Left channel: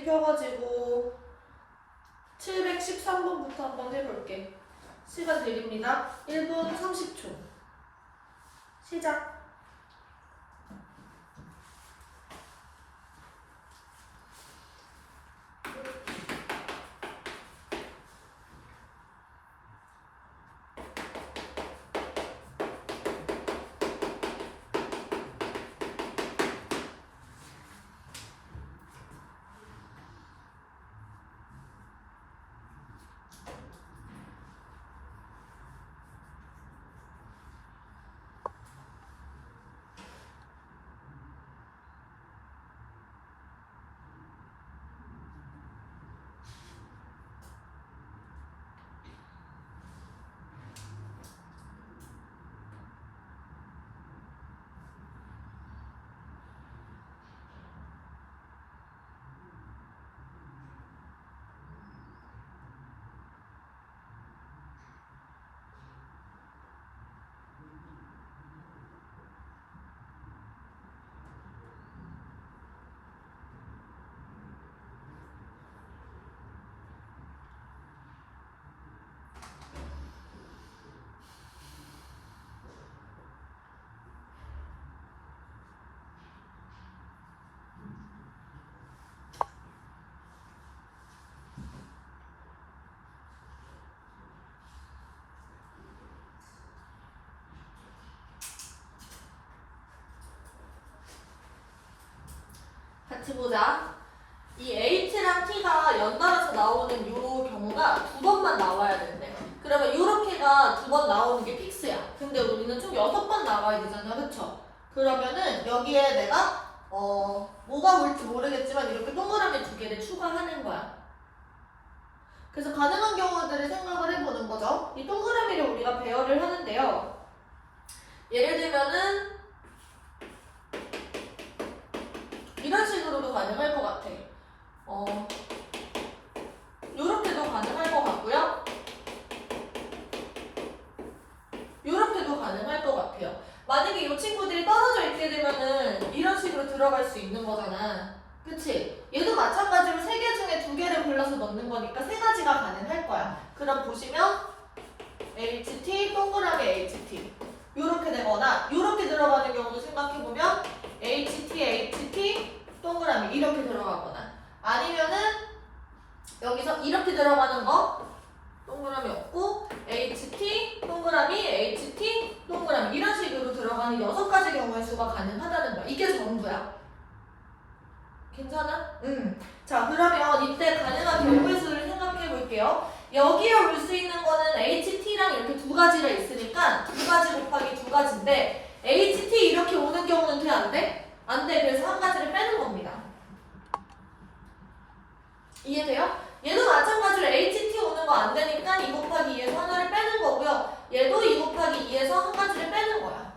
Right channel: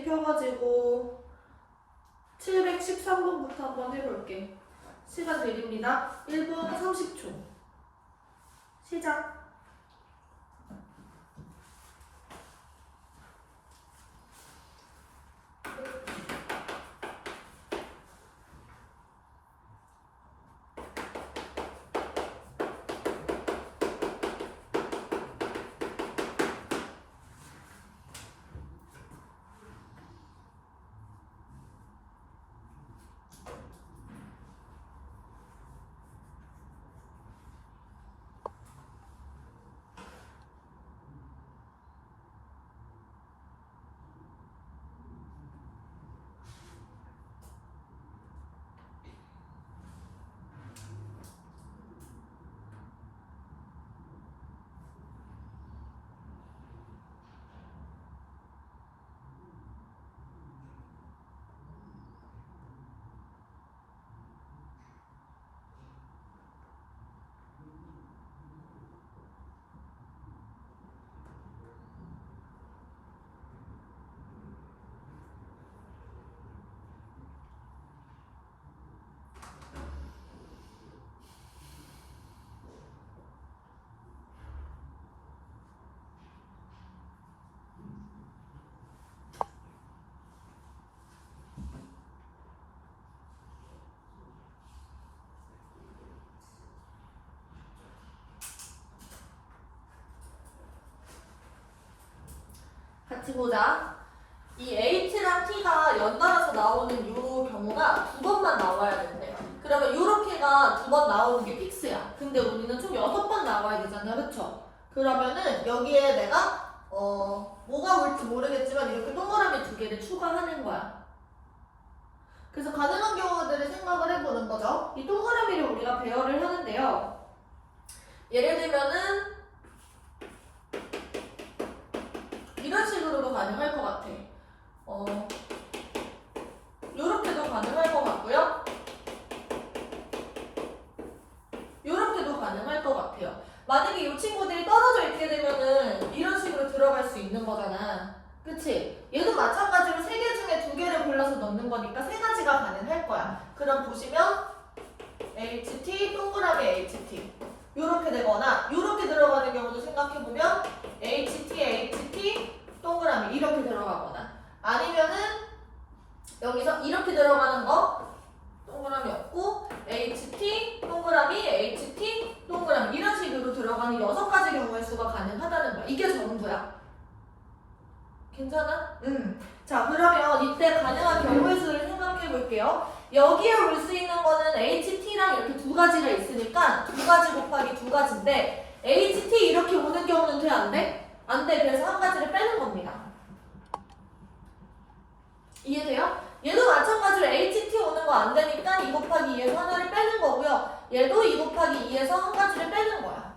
PPT 펴가지고 713번부터 한번 해볼게. 시간 드립니다. 1분 30초. 시작. 같이 보자. 이 H랑 T가 연달아서 나오는 이 경우가 두 번만 나와야 된대. 그러면 이렇게가 두 번 나오는 게 픽스야. 근데 우리는 총 6번 나와야 되잖아. 그쵸? 그러면은 여기에 내가 뭐가 올지 모르겠지만 이렇게 동그라미 두 개를 추가하는 거야. 그래서 가능한 경우들을 생각을 해보는 거죠. 이 동그라미를 우리가 배열을 하는데요. 예를 들면은 이런 식으로도 가능할 것 같아. 요렇게도 가능할 것 같고요. 요렇게도 가능할 것 같아요. 만약에 이 친구들이 떨어져 있게 되면은 이런 식으로 들어갈 수 있는 거잖아. 그치? 얘도 마찬가지로 3개 중에 2개를 골라서 넣는 거니까 3가지가 가능할 거야. 그럼 보시면 HT, 동그라미 HT 요렇게 되거나 요렇게 들어가는 경우도 생각해보면 HT, HT, 동그라미 이렇게 들어가거나 아니면은 여기서 이렇게 들어가는 거 동그라미 없고 HT, 동그라미, HT, 동그라미 이런 식으로 들어가는 6가지 경우의 수가 가능하다는 거야. 이게 전부야. 괜찮아? 자, 그러면 이때 가능한 경우의 수를 생각해 볼게요. 여기에 올 수 있는 거는 HT랑 이렇게 2가지가 있으니까 2가지 곱하기 2가지인데 HT 이렇게 오는 경우는 돼? 안 돼? 안 돼. 그래서 한 가지를 빼는 겁니다. 이해돼요? 얘도 마찬가지로 HT 오는 거 안 되니까 2 곱하기 2에서 하나를 빼는 거고요. 얘도 2 곱하기 2에서 한 가지를 빼는 거야.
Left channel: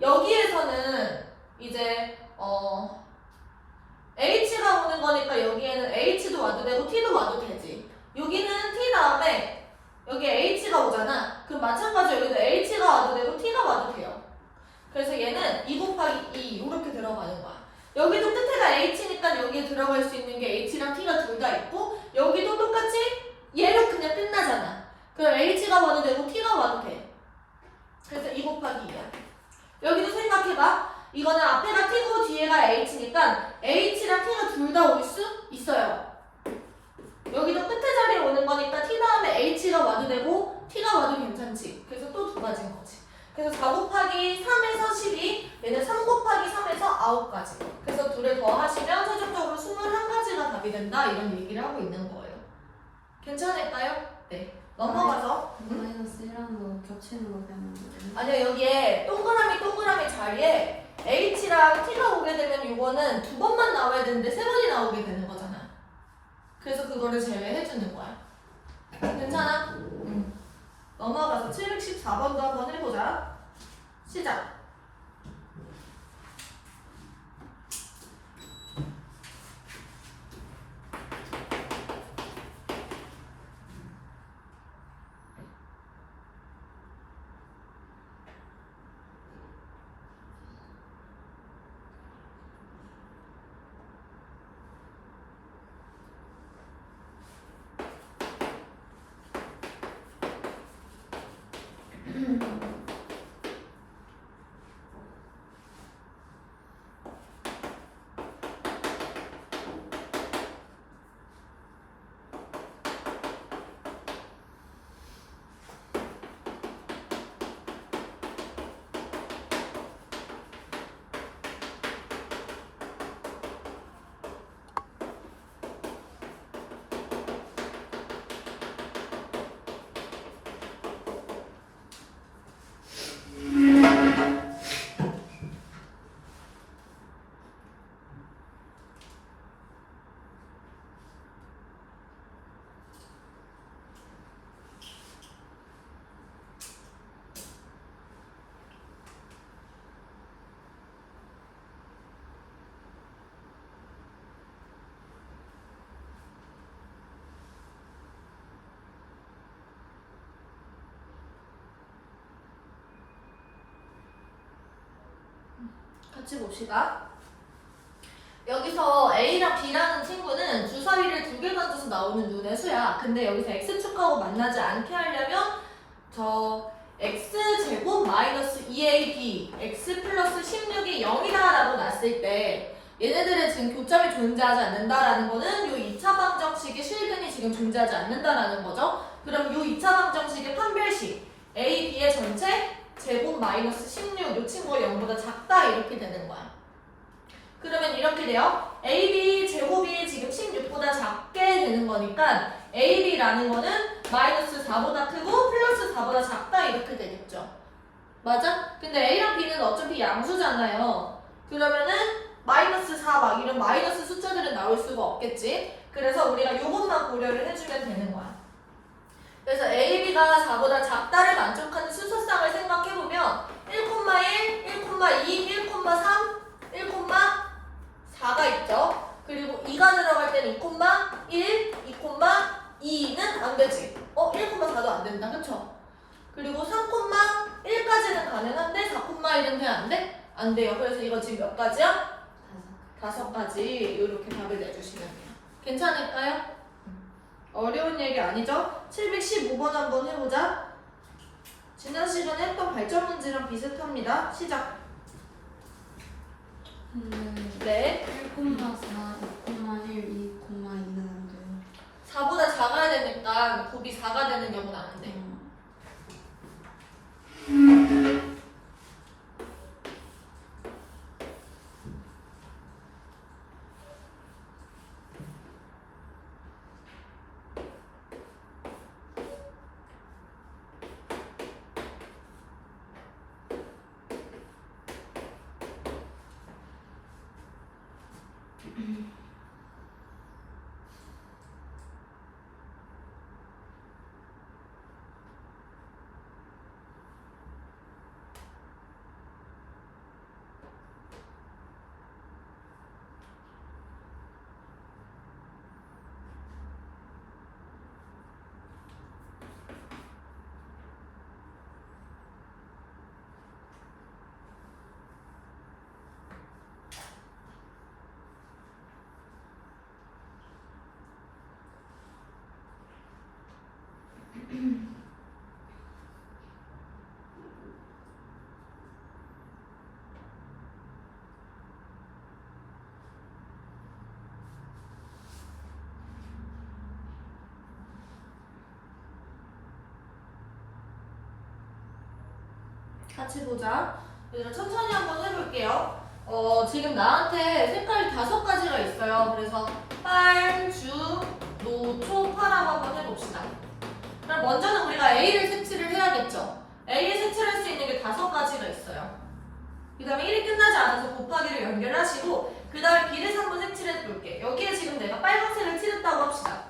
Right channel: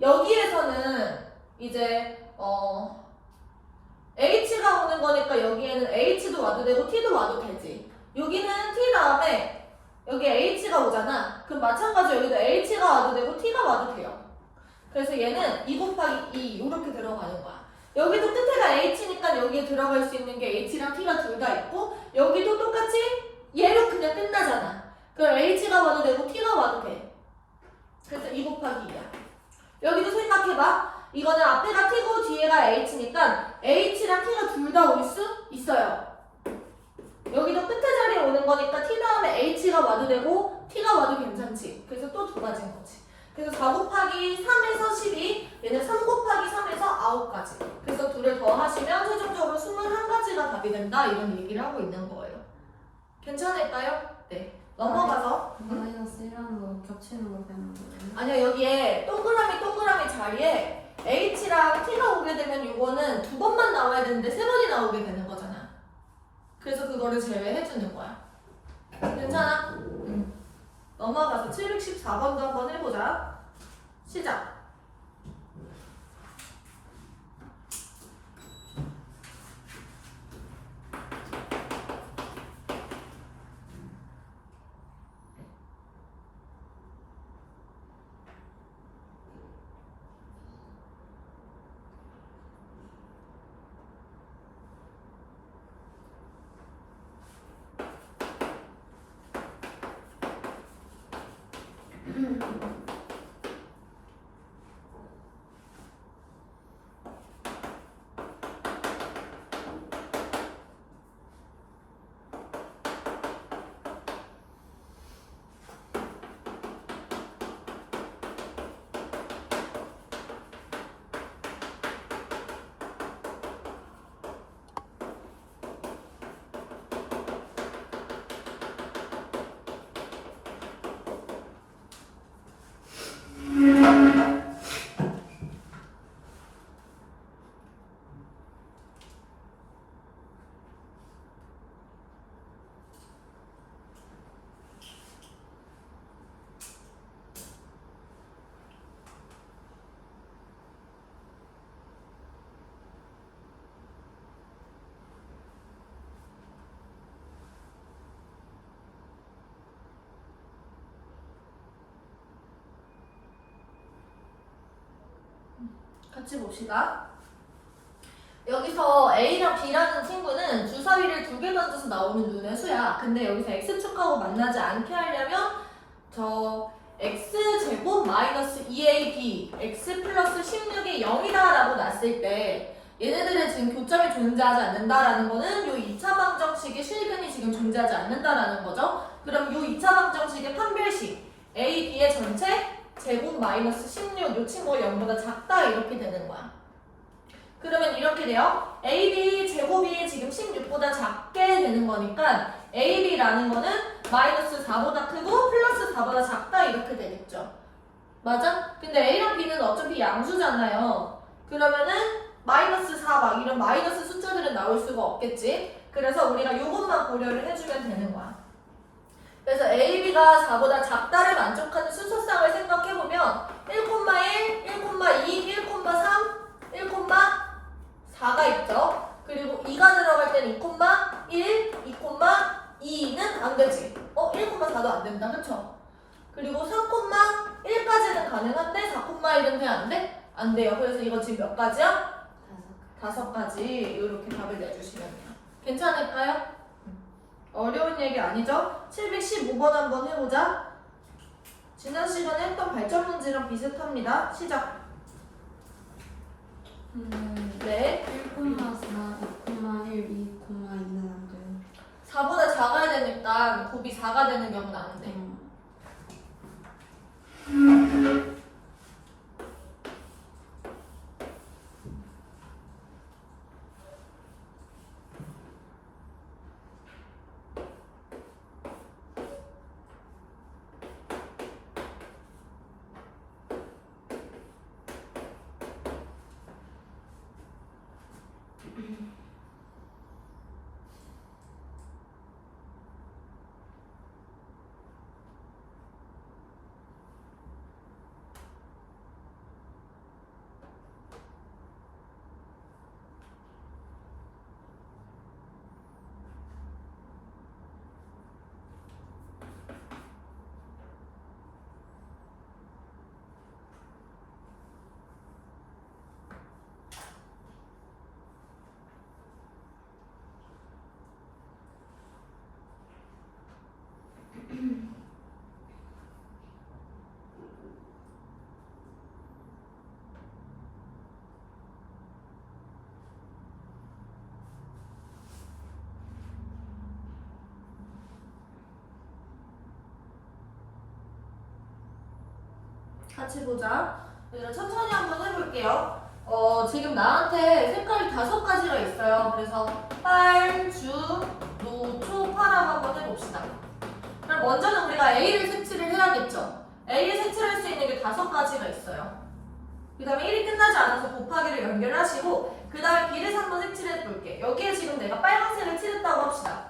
여기에서는 이제 H가 오는 거니까 여기에는 H도 와도 되고 T도 와도 되지. 여기는 T 다음에 여기 H가 오잖아. 그럼 마찬가지로 여기도 H가 와도 되고 T가 와도 돼요. 그래서 얘는 2 곱하기 2 이렇게 들어가는 거야. 여기도 끝에가 H니까 여기에 들어갈 수 있는 게 H랑 T가 둘 다 있고 여기도 똑같이 얘로 그냥 끝나잖아. 그럼 H가 와도 되고 T가 와도 돼. 그래서 2 곱하기 2야. 여기도 생각해봐. 이거는 앞에가 T고 뒤에가 H니까 H랑 T가 둘 다 올 수 있어요. 여기도 끝에 자리에 오는 거니까 T 다음에 H가 와도 되고 T가 와도 괜찮지. 그래서 또 2가지인 거지. 그래서 4 곱하기 3에서 12, 얘는 3 곱하기 3에서 9가지. 그래서 둘을 더 하시면 최종적으로 21가지가 답이 된다. 이런 얘기를 하고 있는 거예요. 괜찮을까요? 네. 넘어가서. 마이너스 1하고 겹치는 거 되는 거예요? 아니야, 여기에 동그라미 자리에 H랑 T가 오게 되면 이거는 2번만 나와야 되는데 3번이 나오게 되는 거잖아. 그래서 그거를 제외해주는 거야. 괜찮아? 응. 넘어가서 714번도 한번 해보자. 시작. 같이 봅시다. 여기서 A랑 B라는 친구는 주사위를 2개 던져서 나오는 눈의 수야. 근데 여기서 X축하고 만나지 않게 하려면 저 X제곱 마이너스 2AB X 플러스 16이 0이다 라고 놨을 때 얘네들의 지금 교점이 존재하지 않는다라는 거는 요 2차 방정식의 실근이 지금 존재하지 않는다라는 거죠. 그럼 요 2차 방정식의 판별식 A, B의 전체 제곱 마이너스 16 요 친구가 0보다 작다 이렇게 되는 거야. 그러면 이렇게 돼요. AB 제곱이 지금 16보다 작게 되는 거니까 AB라는 거는 마이너스 4보다 크고 플러스 4보다 작다 이렇게 되겠죠. 맞아? 근데 A랑 B는 어차피 양수잖아요. 그러면은 마이너스 4 막 이런 마이너스 숫자들은 나올 수가 없겠지. 그래서 우리가 요것만 고려를 해주면 되는 거야. 그래서 AB가 4보다 작다를 만족하는 순서상을 생각해보면 1,1, 1,2, 1,3, 1,4가 있죠. 그리고 2가 들어갈 때는 2,1, 2,2는 안 되지. 1,4도 안 된다. 그쵸? 그리고 3,1까지는 가능한데 4,1은 돼? 안 돼? 안 돼요. 그래서 이거 지금 몇 가지야? 5가지. 이렇게 답을 내주시면 돼요. 괜찮을까요? 어려운 얘기 아니죠? 715번 한번 해보자. 지난 시간에 했던 발전 문제랑 비슷합니다. 시작. 네. 1,4, 2,1, 2,2는 안 돼. 4보다 작아야 되니까 곱이 4가 되는 경우는 안 돼. 같이 보자. 얘들아 천천히 한번 해볼게요. 지금 나한테 색깔이 5가지가 있어요. 그래서 빨, 주, 노, 초, 파랑 한번 해봅시다. 그럼 먼저는 우리가 A를 색칠을 해야겠죠. A를 색칠할 수 있는 게 5가지가 있어요. 그 다음에 1이 끝나지 않아서 곱하기를 연결하시고 그 다음에 B를 한번 색칠해 볼게. 여기에 지금 내가 빨간색을 칠했다고 합시다.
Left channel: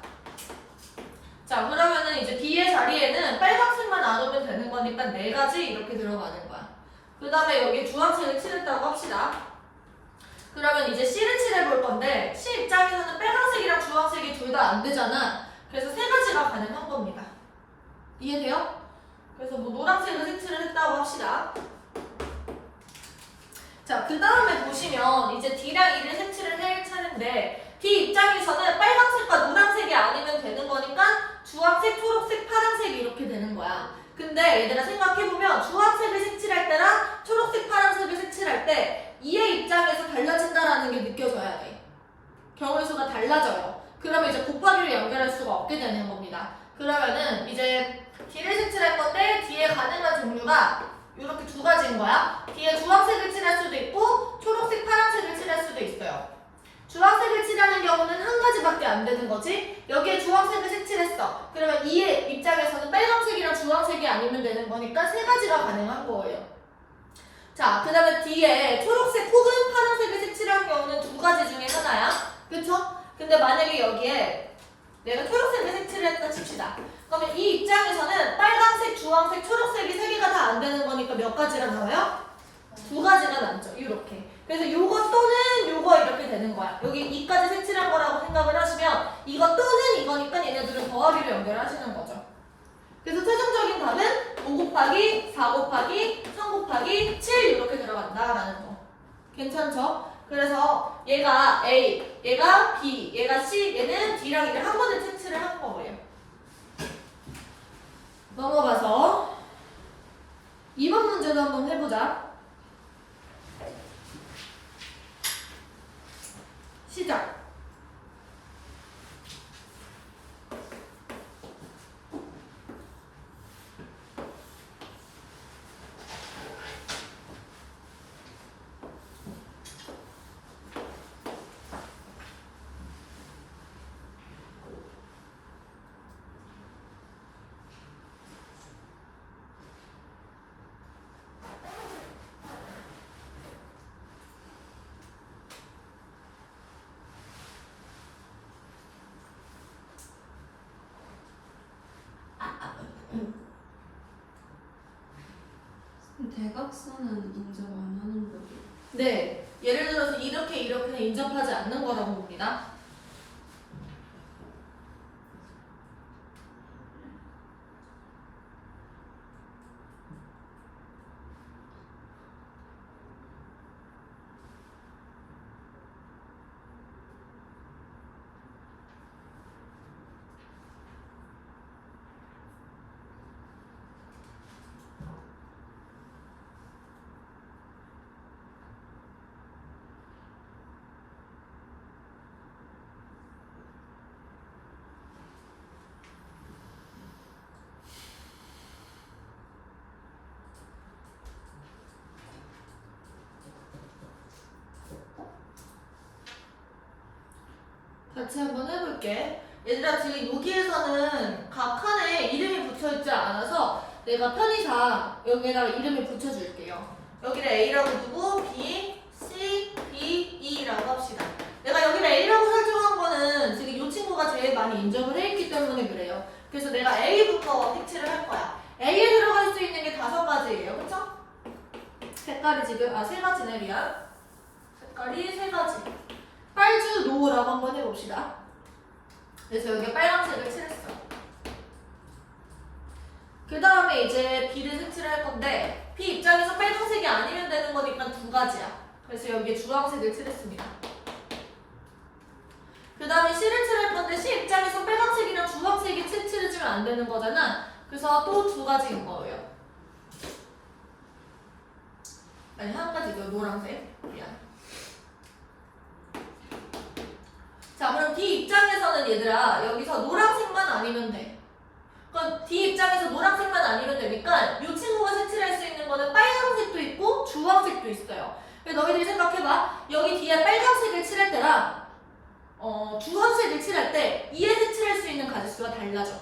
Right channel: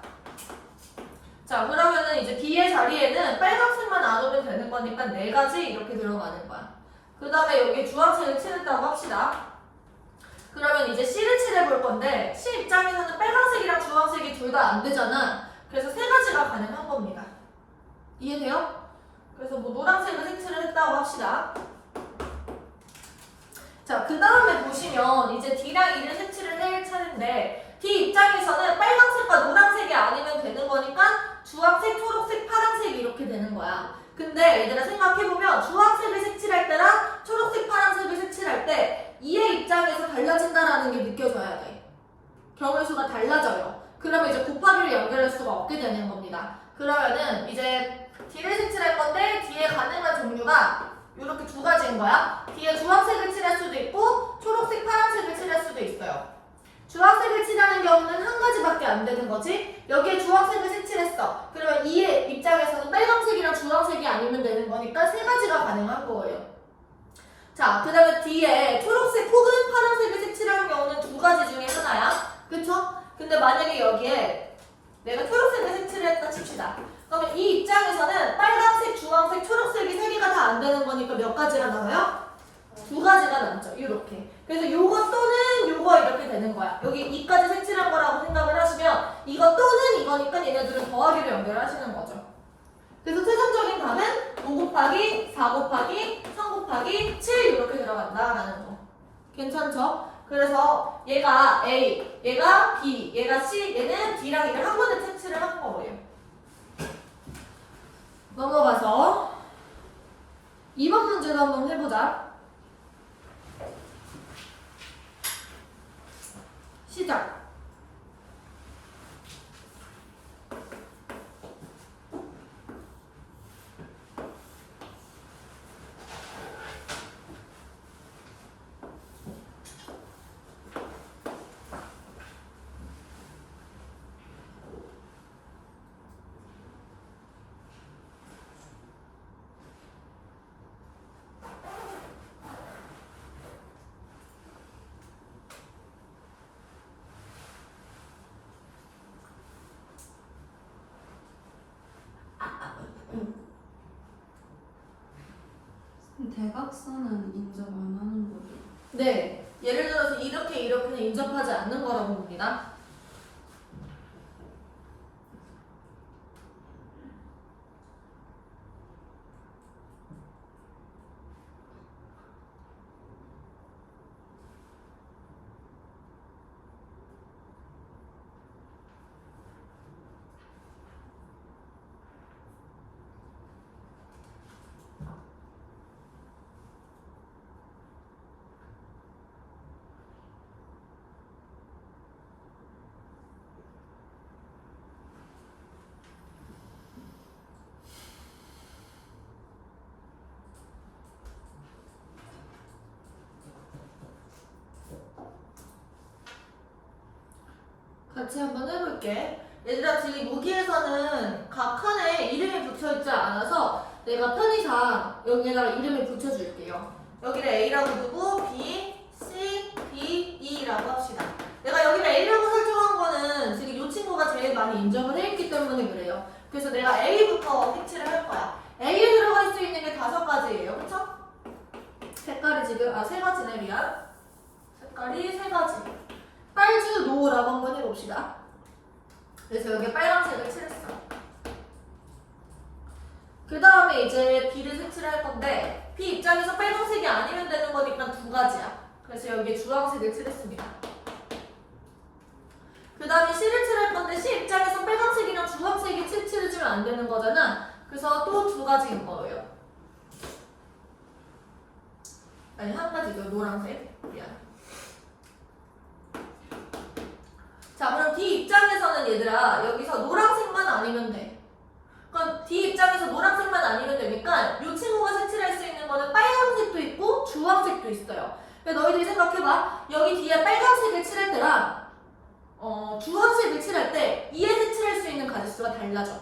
자, 그러면은 이제 B의 자리에는 빨간색만 안 오면 되는 거니까 4가지 이렇게 들어가는 거야. 그 다음에 여기 주황색을 칠했다고 합시다. 그러면 이제 C를 칠해 볼 건데 C 입장에서는 빨간색이랑 주황색이 둘 다 안 되잖아. 그래서 3가지가 가능한 겁니다. 이해돼요? 그래서 뭐 노란색을 색칠을 했다고 합시다. 자, 그 다음에 보시면 이제 D랑 E를 색칠을 할 차례인데 D 입장에서는 빨간색과 노란색이 아니면 되는 거니까 주황색, 초록색, 파란색 이렇게 되는 거야. 근데 얘들아 생각해보면 주황색을 색칠할 때랑 초록색, 파란색을 색칠할 때 E의 입장에서 달라진다라는 게 느껴져야 돼. 경우의 수가 달라져요. 그러면 이제 곱하기를 연결할 수가 없게 되는 겁니다. 그러면은 이제 D를 색칠할 건데 D의 가능한 종류가 이렇게 2가지인 거야. 뒤에 주황색을 칠할 수도 있고 초록색, 파란색을 칠할 수도 있어요. 주황색을 칠하는 경우는 1가지밖에 안 되는 거지. 여기에 주황색을 색칠했어. 그러면 E의 입장에서는 빨간색이랑 주황색이 아니면 되는 거니까 3가지가 가능한 거예요. 자, 그 다음에 D에 초록색 혹은 파란색을 색칠하는 경우는 2가지 중에 하나야. 그쵸? 근데 만약에 여기에 내가 초록색을 색칠을 했다 칩시다. 그러면 이 입장에서는 빨간색, 주황색, 초록색이 3개가 다 안 되는 거니까 몇 가지가 나와요? 2가지가 남죠. 이렇게. 그래서 요거 또는 요거 이렇게 되는 거야. 여기 2까지 색칠한 거라고 생각을 하시면 이거 또는 이거니까 얘네들은 더하기를 연결하시는 거죠. 그래서 최종적인 답은 5 곱하기 4 곱하기 3 곱하기 7 이렇게 들어간다라는 거. 괜찮죠? 그래서 얘가 A, 얘가 B, 얘가 C, 얘는 D랑 E를 한 번에 채취를 한 거예요. 넘어가서 2번 문제도 한번 해보자. 시작. 대각선은 인정 안 하는 거죠. 네, 예를 들어서 이렇게는 인접하지 않는 거라고 봅니다. 같이 한번 해볼게. 얘들아, 지금 여기에서는 각 칸에 이름이 붙어있지 않아서 내가 편의상 여기에다가 이름을 붙여줄게요. 여기를 A라고 두고 B, C, D, E라고 합시다. 내가 여기를 A라고 설정한 거는 지금 이 친구가 제일 많이 인정을 해있기 때문에 그래요. 그래서 내가 A부터 색칠을 할 거야. A에 들어갈 수 있는 게 5가지예요. 그쵸? 색깔이 지금, 3가지네, 미안. 색깔이 3가지. 빨주 노라고 한번 해봅시다. 그래서 여기에 빨간색을 칠했어. 그 다음에 이제 B를 색칠을 할 건데 B 입장에서 빨간색이 아니면 되는 거니까 2가지야. 그래서 여기에 주황색을 칠했습니다. 그 다음에 C를 칠할 건데 C 입장에서 빨간색이랑 주황색이 칠해주면 안 되는 거잖아. 그래서 또 2가지인 거예요. 아니, 1가지죠. 노란색. 미안. 자, 그럼 D 입장에서는 얘들아 여기서 노란색만 아니면 돼. 그럼 D 입장에서 노란색만 아니면 되니까 이 친구가 색칠할 수 있는 거는 빨간색도 있고 주황색도 있어요. 그래서 너희들이 생각해봐. 여기 뒤에 빨간색을 칠할 때랑 주황색을 칠할 때 이에 색칠할 수 있는 가지수가 달라져.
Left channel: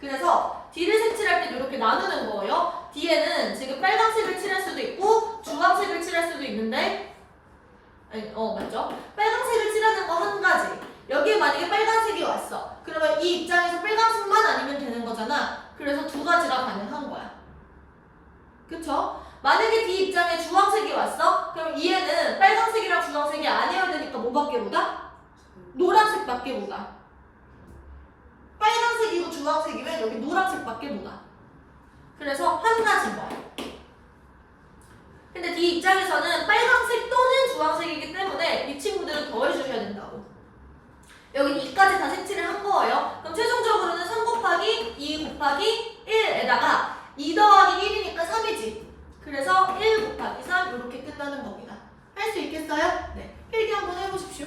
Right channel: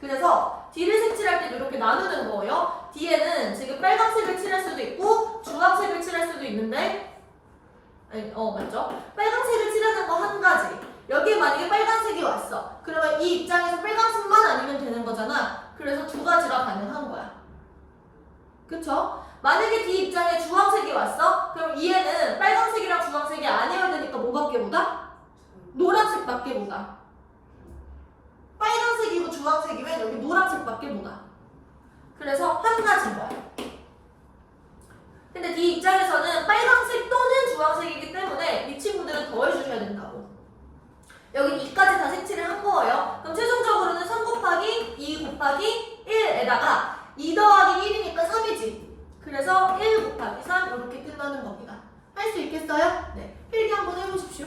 그래서 D를 색칠할 때 이렇게 나누는 거예요. D에는 지금 빨간색을 칠할 수도 있고 주황색을 칠할 수도 있는데 맞죠? 빨간색을 칠하는 거 1가지. 여기에 만약에 빨간색이 왔어. 그러면 이 입장에서 빨간색만 아니면 되는 거잖아. 그래서 2가지가 가능한 거야. 그쵸? 만약에 D 입장에 주황색이 왔어? 그럼 얘는 빨간색이랑 주황색이 아니어야 되니까 뭐밖에 보다? 노란색밖에 보다. 빨간색이고 주황색이면 여기 노란색밖에 보다. 그래서 1가지인 거야. 근데 D 입장에서는 빨간색 또는 주황색이기 때문에 이 친구들은 더해주셔야 된다고. 여기 2까지 다 색칠을 한 거예요. 그럼 최종적으로는 3 곱하기 2 곱하기 1에다가 2 더하기 1이니까 3이지. 그래서 1 곱하기 3 이렇게 끝나는 겁니다. 할 수 있겠어요? 네. 필기 한번 해보십시오.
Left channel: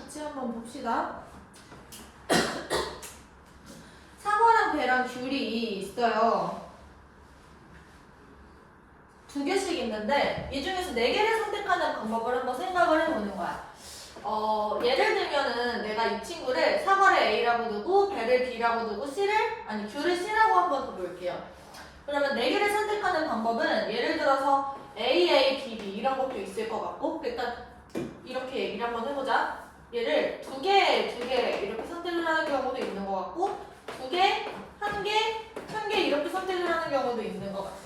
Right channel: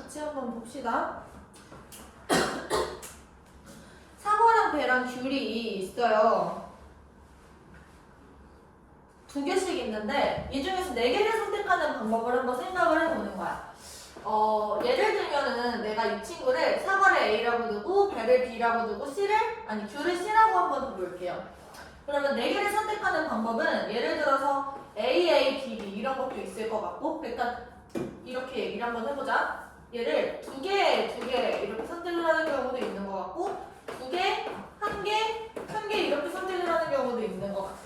같이 한번 봅시다. 상어랑 배랑 귤이 있어요. 두 개씩 있는데 이 중에서 네 개를 선택하는 방법을 한번 생각을 해보는 거야. 예를 들면은 내가 이 친구를 상어를 A라고 두고 배를 B라고 두고 귤을 C라고 한번 두볼게요. 그러면 네 개를 선택하는 방법은 예를 들어서 A, B, B 이런 것도 있을 것 같고 일단 이렇게 얘기를 한번 해보자. 얘를 두 개 이렇게 선택을 하는 경우도 있는 것 같고 두 개, 한 개 이렇게 선택을 하는 경우도 있는 것 같아.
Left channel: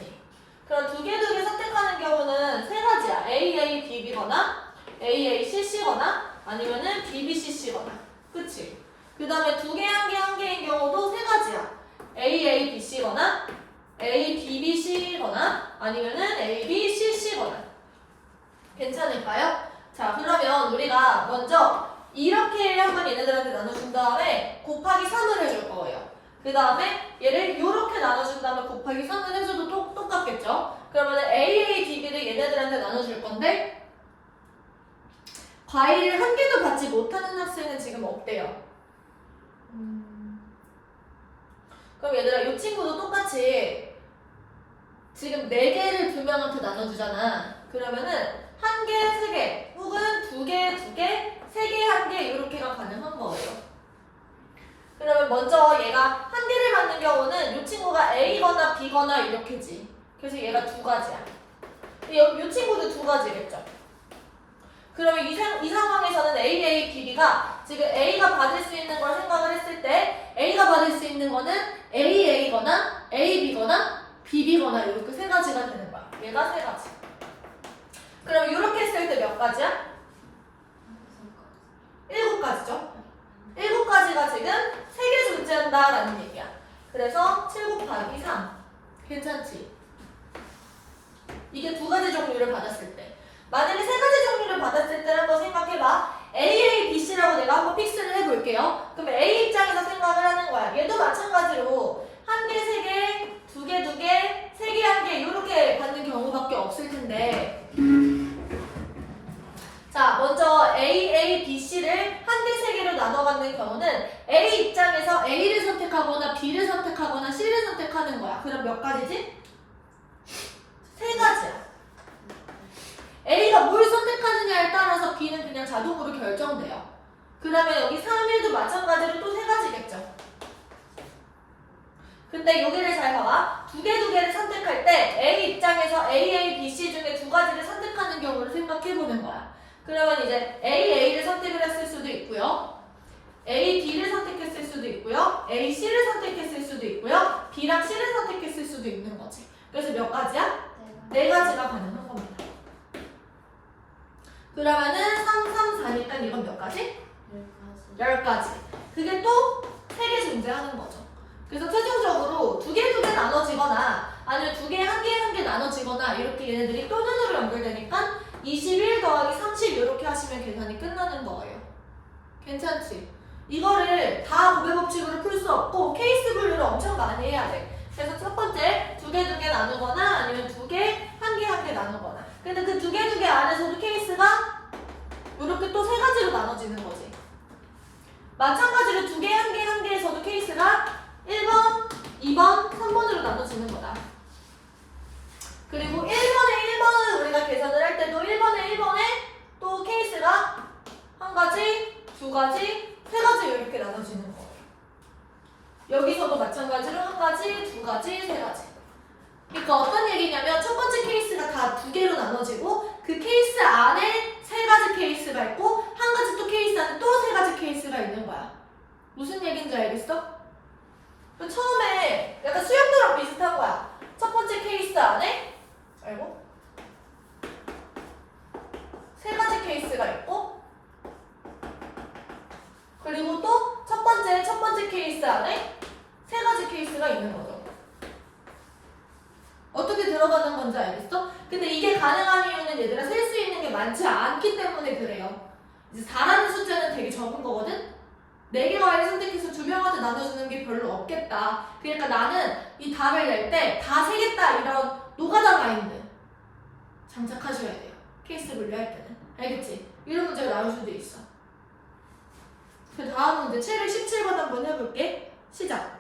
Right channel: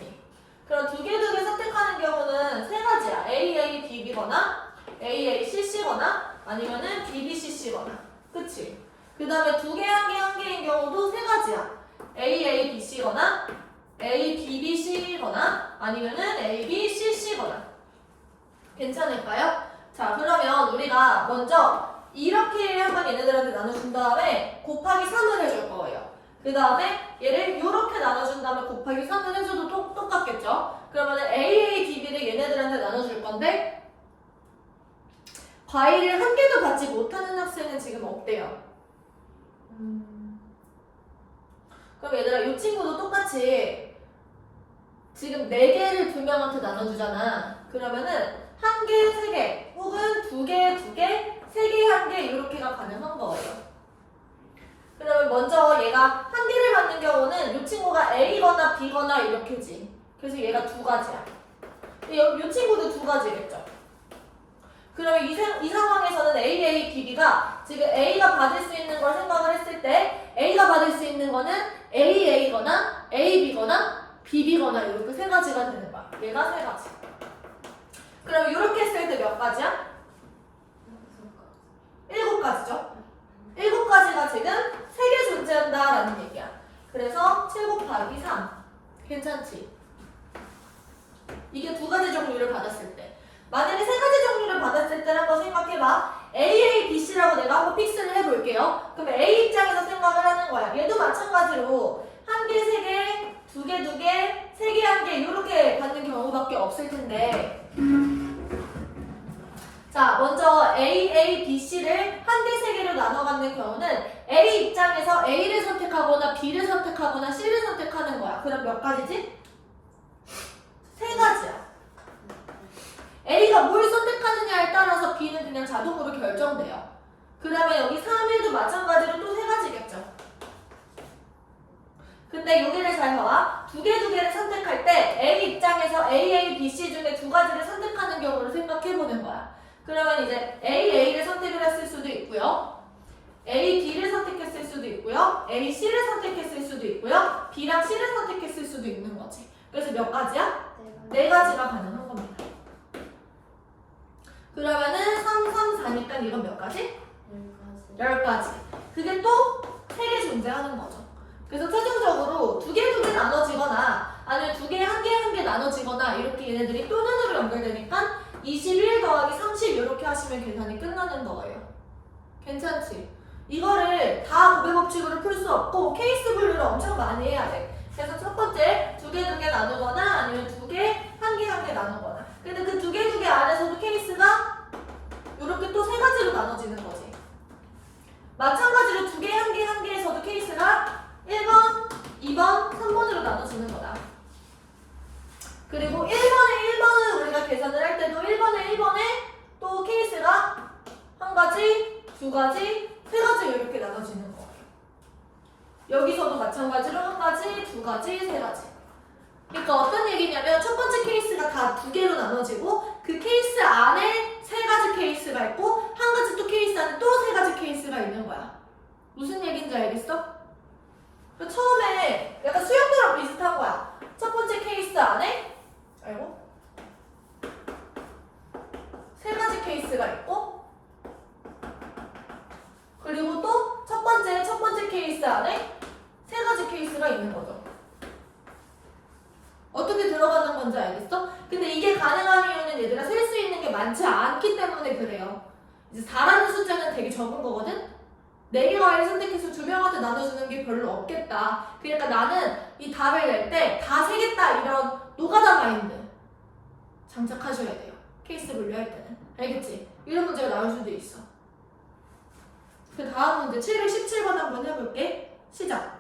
그럼 두 개 선택하는 경우는 세 가지야. A, B, B거나 A, C, C거나 아니면은 B, B, C, C거나. 그치? 그 다음에 두 개, 한 개인 경우도 세 가지야. A, B, C거나 A, B, B, C거나 아니면은 A, B, C, C거나. 괜찮을까요? 자, 그러면 우리가 먼저 이렇게 한번 얘네들한테 나눠준 다음에 곱하기 3을 해줄 거예요. 그 다음에 얘를 이렇게 나눠준 다음에 곱하기 3을 해줘도 똑같겠죠? 그러면 A, B, B를 얘네들한테 나눠줄 건데 과일을 한 개도 받지 못하는 학생은 지금 없대요. 그럼 얘들아 이 친구도 똑같이 지금 4개를 두 명한테 나눠주잖아. 그러면은 한 개, 세 개, 혹은 두 개, 세 개, 한 개 이렇게가 가능한 거예요. 그러면 먼저 얘가 한 개를 받는 경우는 이 친구가 A거나 B거나 이렇게지. 그래서 얘가 두 가지야. 이 친구도 두 가지겠죠. 그러면 이 상황에서는 A, B, B가 지금 A가 받을 수 있는 걸 생각을 했을 때 A가 받을 수 있는 거는 A거나 B거나 B거나 이렇게 세 가지가 되는 거야. 얘가 세 가지. 그럼 이렇게 했을 때 몇 가지야? 7가지죠? 7가지가 지금 3개 존재한다라는 얘기야. 그래서 7 곱하기 3. 괜찮지? 이게 두 가지 종류를 받았을 때. 만약에 세 가지 종류를 받았을 때 한번 생각해봐. A, B, C라고 내가 한번 픽스를 해볼게요. 그럼 A 입장에서 생각을 하는 거야. 얘도 마찬가지로 한 개, 세 개, 두 개, 세 개, 한 개 이렇게 받는 경우밖에 없을 텐데 자, 먼저 A, B, C를 한 개, 세 개로 나눠 갖는 경우는 A 입장에서 A를 선택하거나 B를 선택하거나 C를 선택하는 거야. 그럼 몇 가지지? 세 가지야. A가 뭘 선택하느냐에 따라서 B는 그냥 자동으로 결정돼요. 그러면 여기 3, 1도 마찬가지로 또 세 가지겠죠. 근데 여기를 잘 봐봐. 두 개를 선택할 때 A 입장에서 A, B, C 중에 두 가지를 선택하는 경우를 생각해보는 거야. 그러면 이제 A를 선택을 했을 수도 있고요. A, B를 선택했을 수도 있고요. A, C를 선택했을 수도 있고요. B랑 C를 선택했을 수도 있는 거지. 그래서 몇 가지야? 네 가지가 가능한 겁니다. 그러면은 3, 4니까 이건 몇 가지? 10가지. 그게 또 3개 존재하는 거죠. 그래서 최종적으로 두 개 나눠지거나 아니면 두 개, 한 개 나눠지거나 이렇게 얘네들이 또 눈으로 연결되니까 21 더하기 30 이렇게 하시면 계산이 끝나는 거예요. 괜찮지? 이거를 다 곱의 법칙으로 풀 수 없고 케이스 분류를 엄청 많이 해야 돼. 그래서 첫 번째 두 개 나누거나 아니면 두 개, 한 개 나누거나. 근데 그 두 개 안에서도 케이스가 이렇게 또 세 가지로 나눠지는 거지. 마찬가지로 두 개, 한 개에서도 케이스가 1번, 2번, 3번으로 나눠지는 거다. 그리고 1번을 우리가 계산을 할 때도 1번에 또 케이스가 한 가지, 두 가지, 세 가지 이렇게 나눠지는 거예요. 여기서도 마찬가지로 한 가지, 두 가지, 세 가지. 그러니까 어떤 얘기냐면 첫 번째 케이스가 다 두 개로 나눠지고 그 케이스 안에 세 가지 케이스가 있고 한 가지 또 케이스 안에 또 세 가지 케이스가 있는 거야. 무슨 얘기인지 알겠어? 처음에 약간 수영도랑 비슷한 거야. 첫 번째 케이스 안에 알고? 세 가지 케이스가 있고 그리고 또 첫 번째 케이스 안에 세 가지 케이스가 있는 거죠. 어떻게 들어가는 건지 알겠어? 근데 이게 가능한 이유는 얘들아 셀 수 있는 게 많지 않기 때문에 그래요. 이제 4라는 숫자는 되게 적은 거거든? 4개 과일을 선택해서 두 명한테 나눠주는 게 별로 없겠다. 그러니까 나는 이 답을 낼 때 다 세겠다 이런 노가다 마인드 장착하셔야 돼요. 케이스 분류할 때는. 알겠지? 이런 문제가 나올 수도 있어. 그 다음 문제 717번 한번 해볼게. 시작.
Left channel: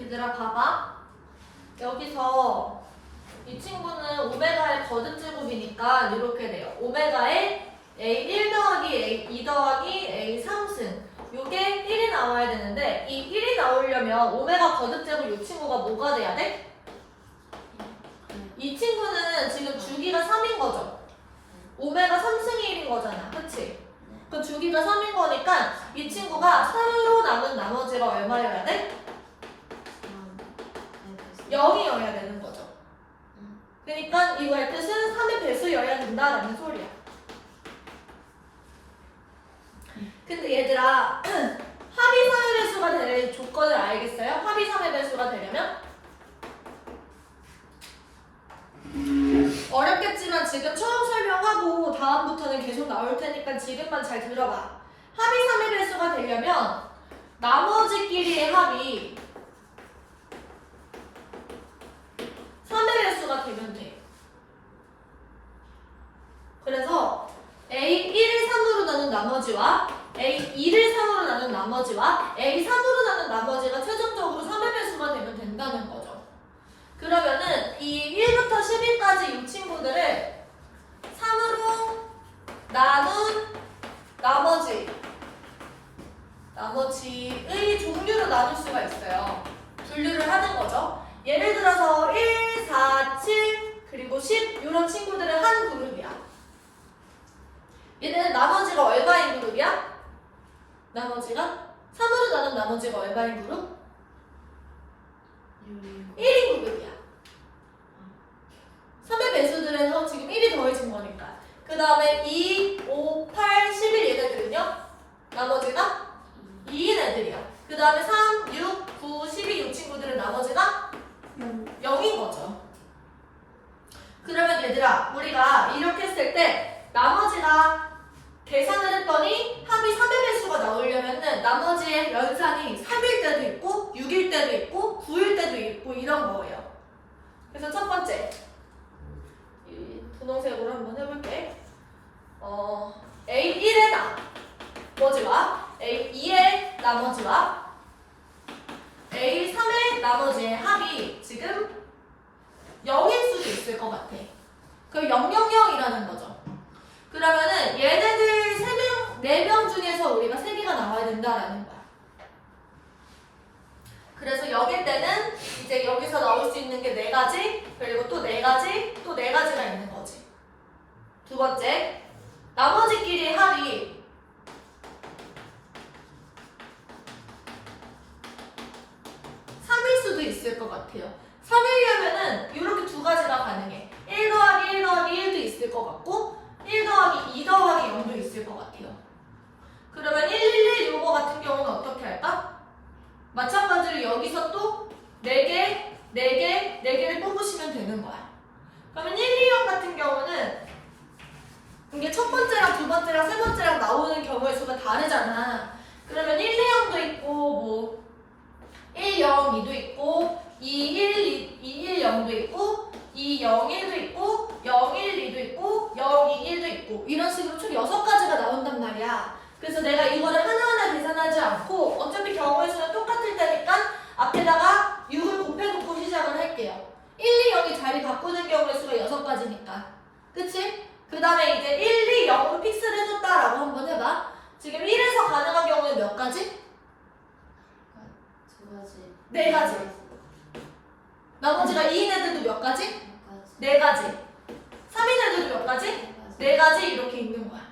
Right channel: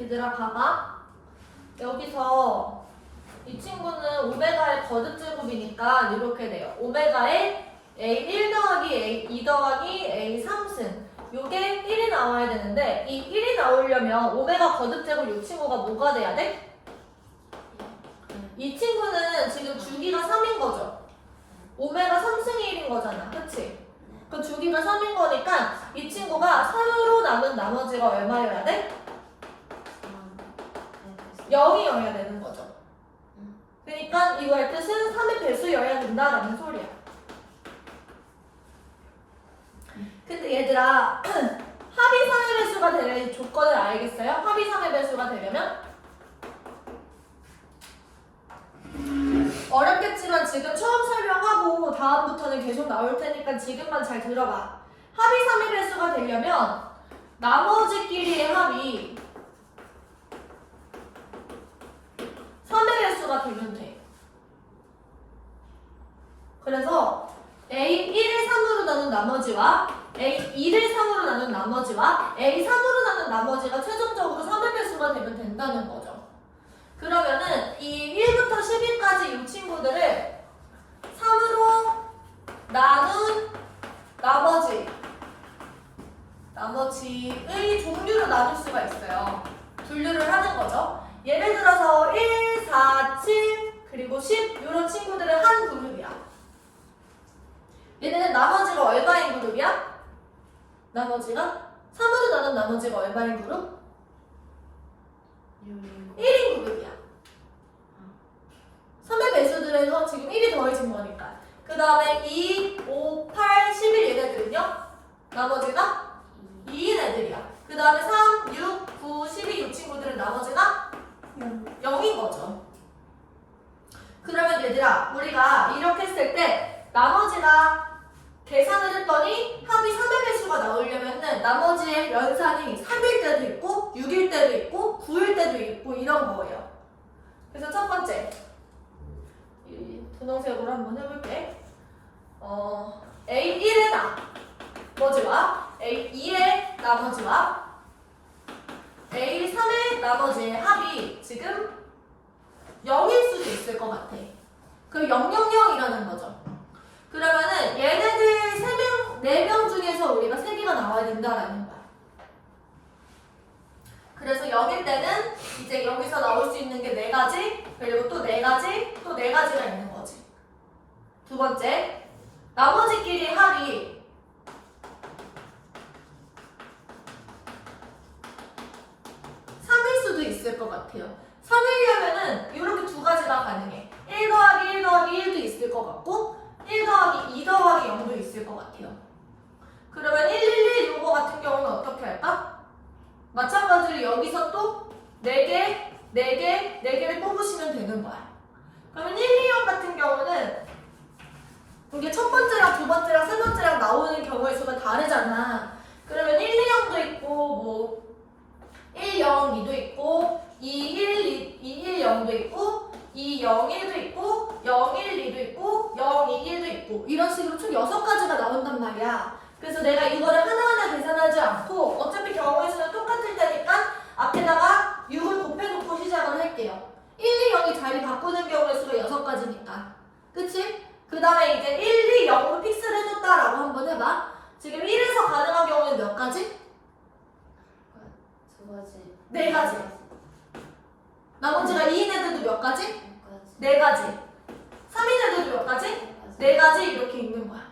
얘들아 봐봐. 여기서 이 친구는 오메가의 거듭제곱이니까 이렇게 돼요. 오메가의 A1 더하기 A2 더하기 A3승. 요게 1이 나와야 되는데 이 1이 나오려면 오메가 거듭제곱 이 친구가 뭐가 돼야 돼? 이 친구는 지금 주기가 3인 거죠. 오메가 3승이 1인 거잖아. 그치? 그 주기가 3인 거니까 이 친구가 3으로 남은 나머지가 얼마여야 돼? 0이어야 되는 거죠. 그러니까 이거의 뜻은 3의 배수여야 된다라는 소리야. 근데 얘들아 합이 3의 배수가 되는 조건을 알겠어요? 합이 3의 배수가 되려면? 어렵겠지만 지금 처음 설명하고 다음부터는 계속 나올 테니까 지금만 잘 들어봐. 합이 3의 배수가 되려면 나머지끼리의 합이 3의 배수가 되면 돼. 그래서 A1을 3으로 나눈 나머지와 A2를 3으로 나눈 나머지와 A3으로 나눈 나머지가 최종적으로 3의 배수가 되면 된다는 거죠. 그러면은 이 1부터 10일까지 이 친구들을 3으로 나눈 나머지의 종류로 나눌 수가 있어요. 분류를 하는 거죠. 예를 들어서 1, 4, 7, 그리고 10 이런 친구들은 한 그룹이야. 얘네는 나머지가 얼마인 그룹이야? 나머지가 3으로 나눈 나머지가 얼마인 그룹? 1인 그룹이야. 3의 배수들에서 지금 1이 더해진 거니까. 그 다음에 2, 5, 8, 11 얘네들은요? 나머지가 2인 애들이야. 그 다음에 3, 6, 9, 12 이 친구들은 나머지가 0인 거죠. 그러면 얘들아 우리가 이렇게 했을 때 나머지가 계산을 했더니 합이 3의 배수가 나오려면은 나머지의 연산이 3일 때도 있고 6일 때도 있고 9일 때도 있고 이런 거예요. 그래서 첫 번째 이 분홍색으로 한번 해볼게. A1의 나머지와 A2의 나머지와 A3의 나머지의 합이 지금 0일 수도 있을 것 같아. 그 000이라는 거죠. 그러면은 얘네들 4명 중에서 우리가 3개가 나와야 된다라는 거야. 그래서 0일 때는 이제 여기서 나올 수 있는 게 4가지, 그리고 또 4가지, 또 4가지가 있는 거지. 두 번째, 나머지끼리 합이 3일 수도 있을 것 같아요. 3일이면은 이렇게 2가지가 가능해. 1 더하기 1 더하기 1도 있을 것 같고 1 더하기 2 더하기 0도 있을 것 같아요. 그러면 111 요거 같은 경우는 어떻게 할까? 마찬가지로 여기서 또 4개, 4개, 4개를 뽑으시면 되는 거야. 그러면 120 같은 경우는 이게 첫 번째랑 두 번째랑 세 번째랑 나오는 경우에 다르잖아. 그러면 1, 2, 0도 있고 뭐 1, 0, 2도 있고 2, 1, 2, 1, 0도 있고 2, 0, 1도 있고 0, 1, 2도 있고 0, 2, 1도 있고 이런 식으로 총 6가지가 나온단 말이야. 그래서 내가 이거를 하나하나 계산하지 않고 어차피 경우의 수는 똑같을 테니까 앞에다가 6을 곱해놓고 시작을 할게요. 1, 2, 0이 자리 바꾸는 경우의 수가 6가지니까. 그치? 그 다음에 이제 1, 2, 0으로 픽스를 해줬다라고 한번 해봐. 지금 1에서 가능한 경우는 몇 가지? 2가지. 4가지. 나머지가 2인 애들도 몇 가지? 4가지. 4가지. 3인 애들도 몇 가지? 4가지 이렇게 있는 거야.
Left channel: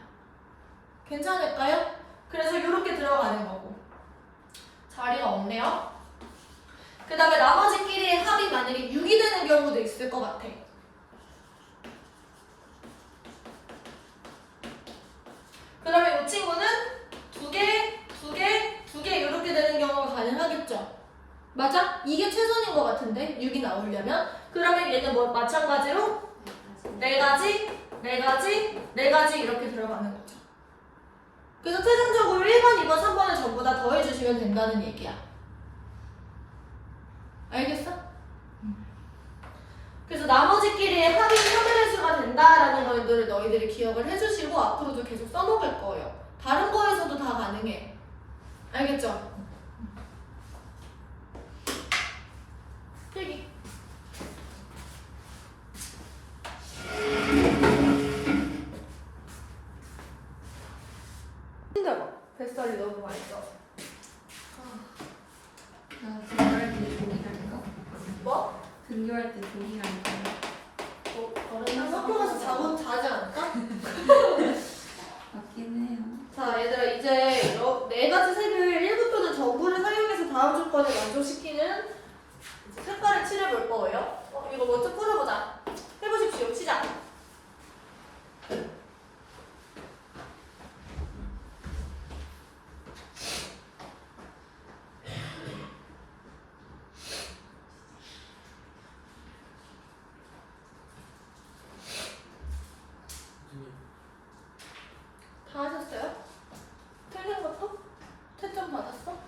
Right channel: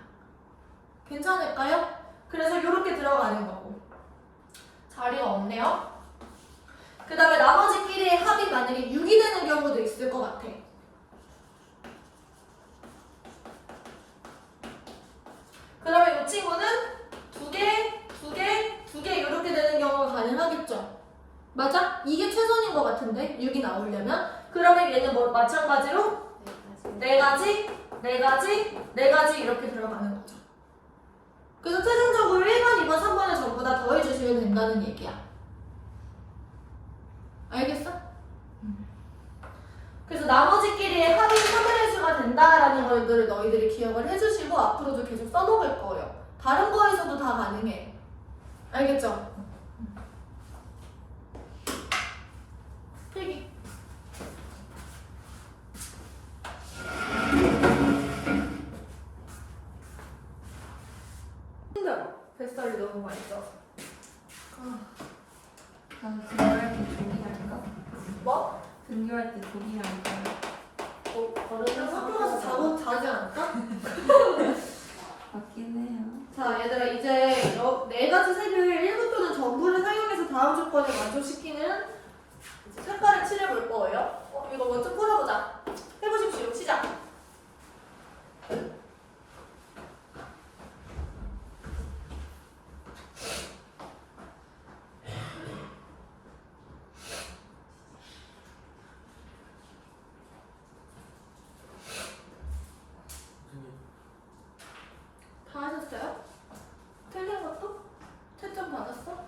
괜찮을까요? 그래서 이렇게 들어가는 거고. 자리가 없네요. 그 다음에 나머지끼리의 합이 만약에 6이 되는 경우도 있을 것 같아. 그러면 이 친구는 2개, 2개, 2개 이렇게 되는 경우가 가능하겠죠? 맞아? 이게 최선인 것 같은데 6이 나오려면 그러면 얘는 뭐 마찬가지로 4가지, 4가지, 4가지 이렇게 들어가는 거죠. 그래서 최종적으로 1번, 2번, 3번을 전부 다 더해주시면 된다는 얘기야. 알겠어? 그래서 나머지끼리의 합이 3분의 수가 된다라는 것들을 너희들이 기억을 해주시고 앞으로도 계속 써먹을 거예요. 다른 거에서도 다 가능해. 알겠죠? 필기. 힘들어. 뱃살이 너무 많이 쪄서. 나 등교할 때 종이할까? 뭐? 등교할 때 종이할까요? 어른이랑 학교 가서 자지 않을까? 맞긴 해요. 자, 얘들아, 이제 4가지 색을 일부터는 전부를 사용해서 다음 조건을 만족시키는 이제 색깔을 칠해볼 거예요. 이거 먼저 풀어보자. 해보십시오. 시작. 다 하셨어요? 틀린 것도? 채점 받았어?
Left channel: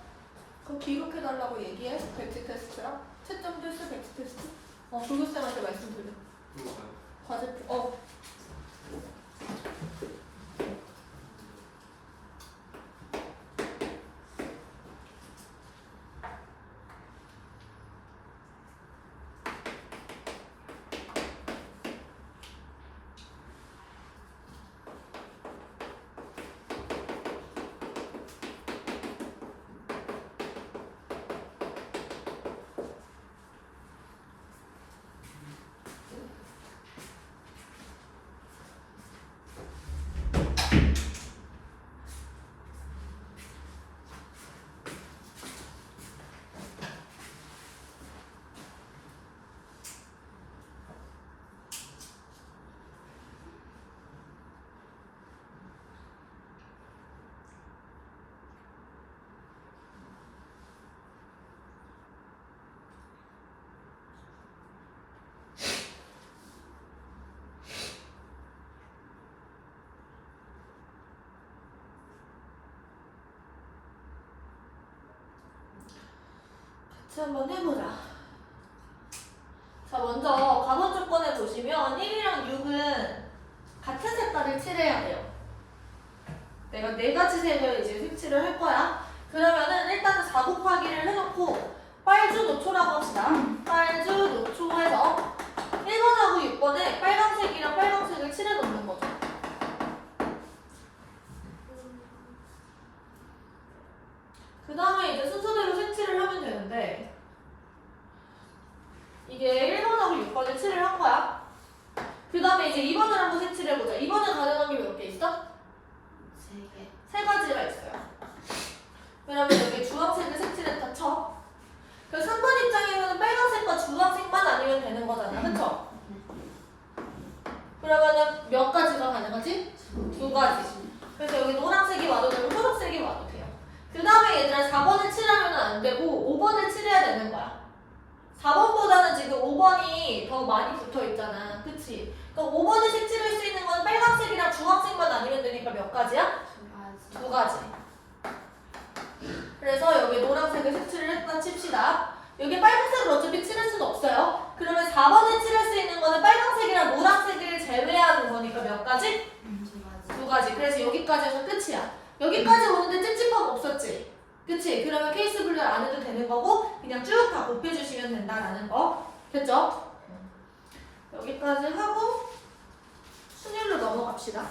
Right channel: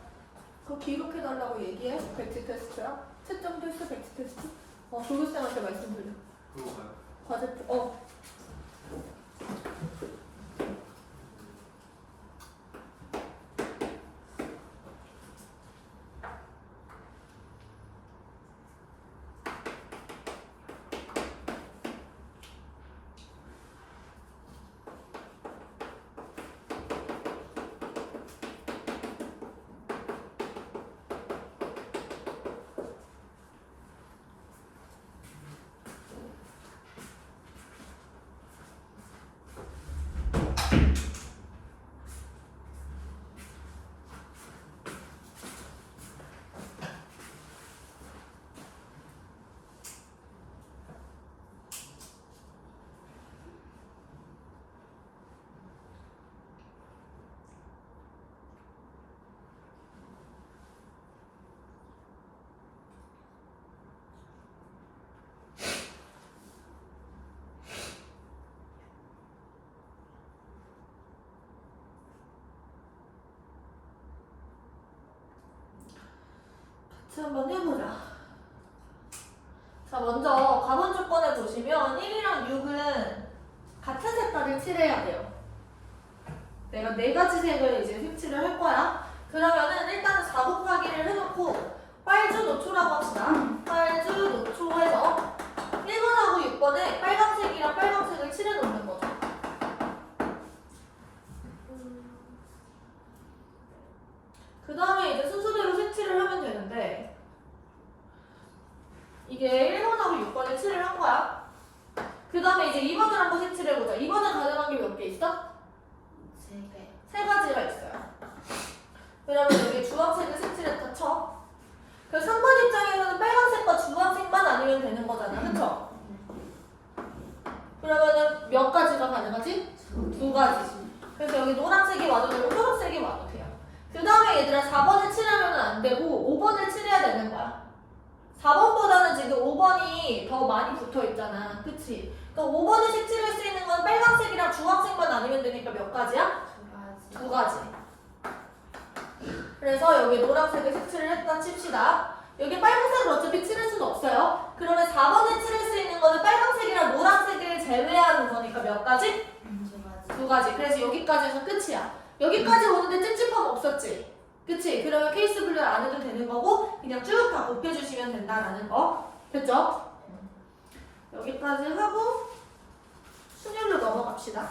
그거 기록해달라고 얘기해. 백지 테스트야. 채점도 있어, 백지 테스트? 조교쌤한테 말씀드려. 과제, 같이 한번 해보자. 자, 먼저 가본 조건을 보시면 1이랑 6은 같은 색깔을 칠해야 돼요. 내가 4가지 색을 이제 색칠을 할 거야. 그러면은 일단은 4 곱하기를 해놓고 빨주 노초라고 합시다. 빨주 노초해서 1번하고 6번에 빨간색이랑 빨간색을 칠해놓는 거죠. 그 다음에 이제 순서대로 색칠을 하면 되는데 이게 1번하고 6번을 칠을 한 거야. 그 다음에 이제 2번을 한번 색칠해보자. 2번에 가능한 게 몇 개 있어? 3개. 3가지가 있어요. 왜냐면 여기 주황색을 색칠했다 쳐. 그래서 3번 입장에서는 빨간색과 주황색만 아니면 되는 거잖아. 그쵸? 그러면은 몇 가지가 가능하지? 2가지. 그래서 여기 노란색이 와도 되고 초록색이 와도 돼요. 그 다음에 얘들아 4번을 칠하면 안 되고 5번을 칠해야 되는 거야. 4번보다는 지금 5번이 더 많이 붙어 있잖아. 그치? 그럼 5번을 색칠할 수 있는 건 빨간색이랑 주황색만 아니면 되니까 몇 가지야? 2가지. 2가지. 그래서 여기 노란색을 색칠을 했다 칩시다. 여기 빨간색을 어차피 칠할 수는 없어요. 그러면 4번에 칠할 수 있는 거는 빨간색이랑 노란색을 제외하는 거니까 몇 가지? 두 가지. 그래서 여기까지 해서 끝이야. 여기까지 오는데 찝찝함 없었지? 그치? 그러면 케이스 분류 안 해도 되는 거고 그냥 쭉 다 곱해주시면 된다라는 거. 됐죠? 여기까지 하고 순열로 넘어갑시다.